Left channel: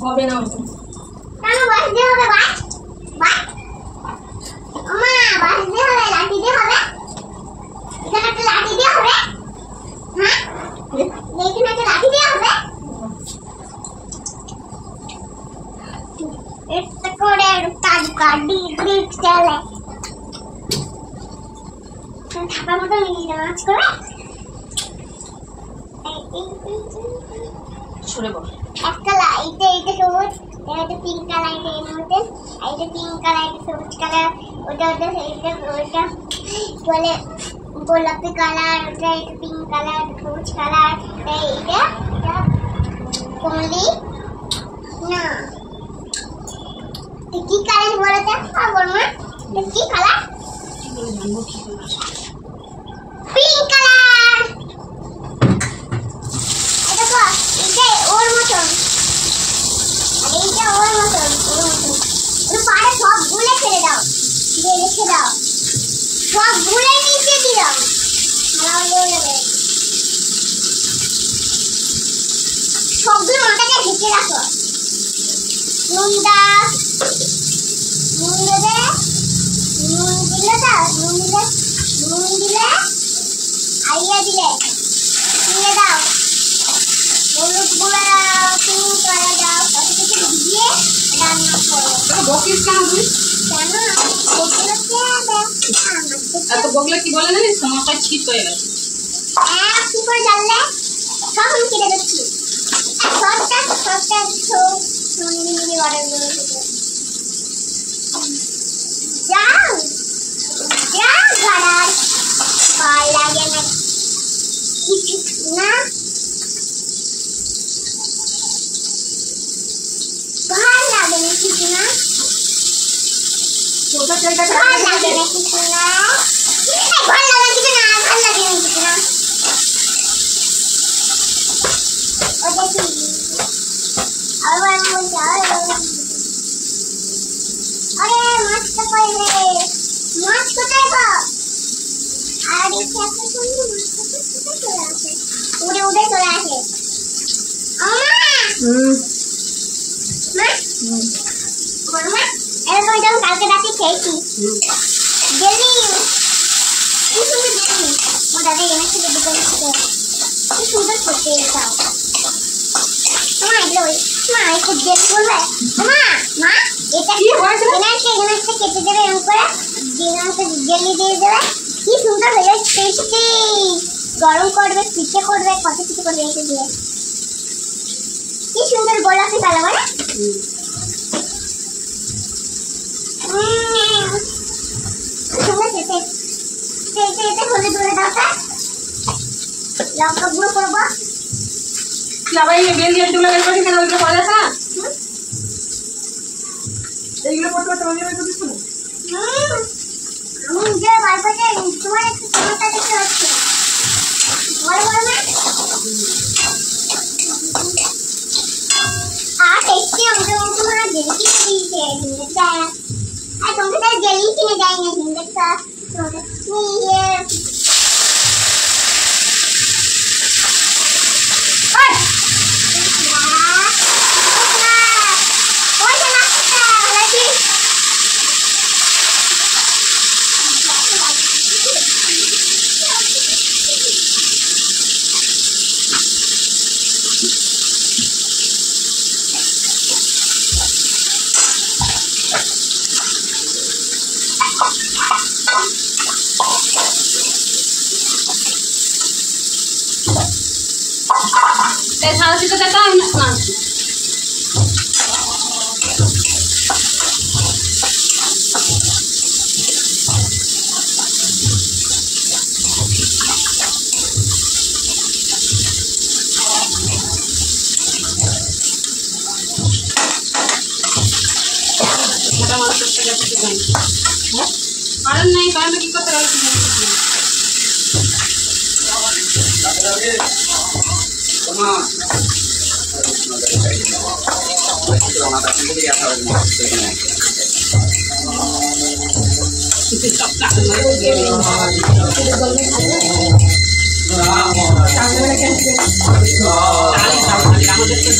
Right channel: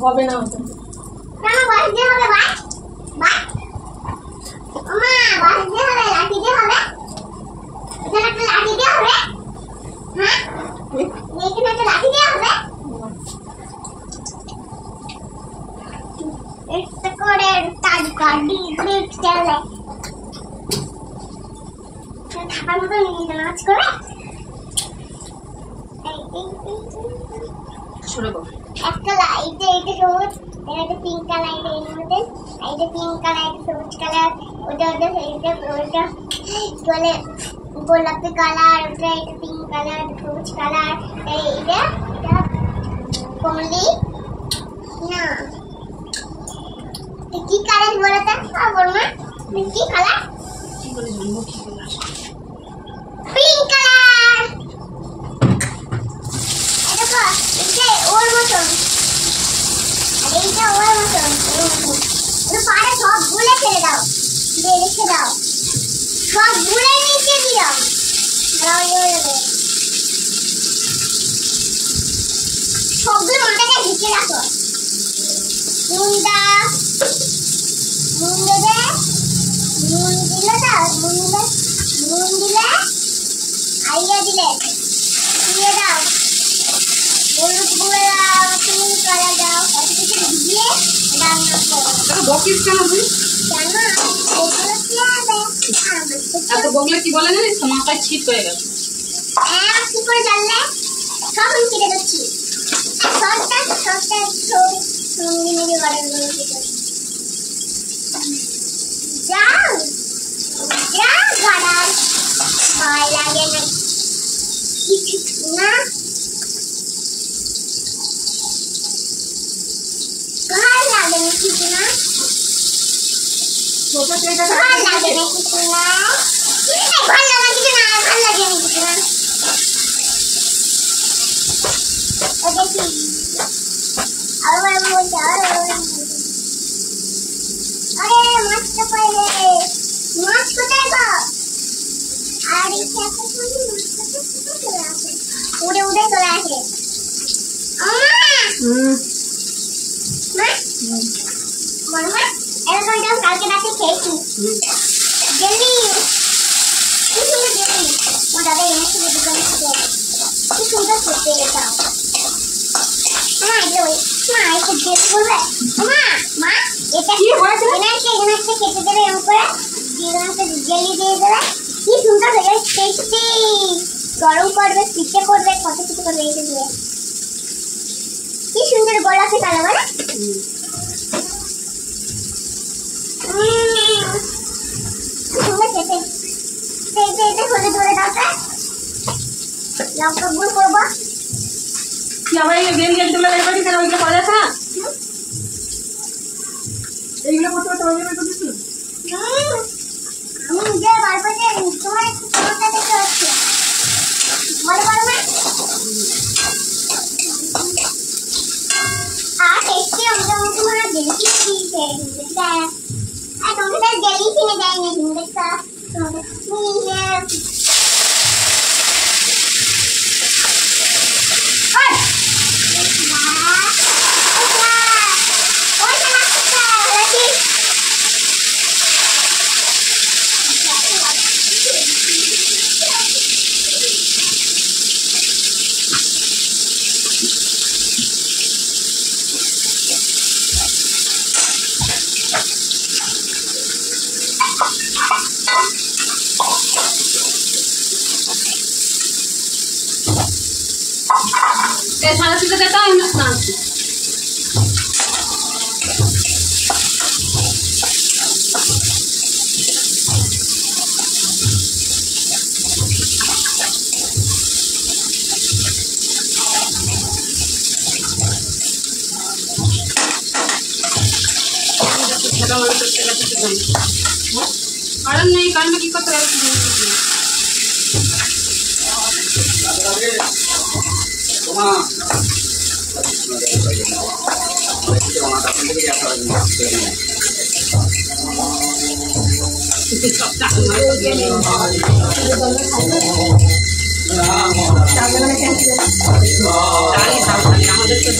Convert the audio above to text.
হবে না কেন বাজতে হবে বাজ বাজ মা বাজতে হবে লাঠি দিয়ে হবে এখানে একটা লাঠি দিয়ে হবে হ্যাঁ এখানে একটা লাঠি দিয়ে হবে এটা করে গাড়ি ব্রেক চালে থাকার মতো নিয়ে নাচ করে সরে বল একটা লাইট এটা সবুজ এটা পিঙ্ক কালার এর মধ্যে এটা পিঙ্ক কালার এটা সবুজ কালার ওটা বলে গোলাপি কালার ওটা এটা পিঙ্ক কালার সবুজ কালার এটা কমলি না কি কালার বলতে বলবো না কি কালার কি করে জানবো কি কালার পিঙ্ক কালার এটা ওর মতন এইটা ওর মতন পাড়ে সব গুলে ফেলে দাও দিয়ে রেখে দাও সব গুলে নিচে দিয়ে দাও সবগুলো মাথাটা ঢেকে রাখো নুন দেবে নুন দিলে আইয়া দিলে দিয়ে দাও হলুদ গুঁড়ো দাও পিঙ্ক কালার দাও এত কিছু দিয়ে রান্না করো বকিস কেন তুই কেন ওগুলো খেয়াবে এত বকলে কি বলে জানিস মাথায় ছিট হয়ে গেছে কি করে জানলে কখন কেটে দিচ্ছি সবটা সুন্দর অর্ডার করে যাও গাড়ার ভয় লাগে না কিছু না ভাল লাগে না কিছু না ভাল লাগে না কিছু না ভাল লাগে কিছু না ভাল লাগে না কিছু না ওটা কি আরে মাছটা কই রে মাছ কোথায় গো আর এই খেতে শুনি মাছটা কোথায় চলে আসে উড়ে চলে আসে মা মা এটা তো কালকে রাতে খেয়েছি জেলি কি সুন্দর জেলি ও দাদা এনেছে দোকান থেকে কি সুন্দর খেতে এটা মা এগুলো মা একটু জেলি বলবে মা এটা কি হয়েছে জিনিসটা কেটে দেবে এরকম করে জিনিসটা জেলি দিয়ে দেবে কি সুন্দর হয়ে যায় টেস্টি গরম করবে পিঠে করবে কত কিছু করবে এটা দিয়ে কি সুন্দর গোলাপি কালার বলে সুন্দর খেতে এটা হলে ধরে দাও লঙ্কা গুঁড়ো করবো আবার এই বেল দিয়ে তুলে বের করি কেন ওইগুলো পাওয়া যাচ্ছে না এইগুলো করতে করতে ওইগুলো বের করছিস না আমি নিজের বারবারে তোমার একটু টমেটো দেখতে পাচ্ছি বড় বড় না আর টেস্টি ওটা তোমার জেলি কিনে দিয়েছে হিন্দেটা আর তোমাকে তার জেলি কিনে দেয় না হিন্দেটা নিয়ে সারা সিদ্ধ দিতে হয় না। কারণ নেই, কারণটা কি করতে হবে? আমাদের তো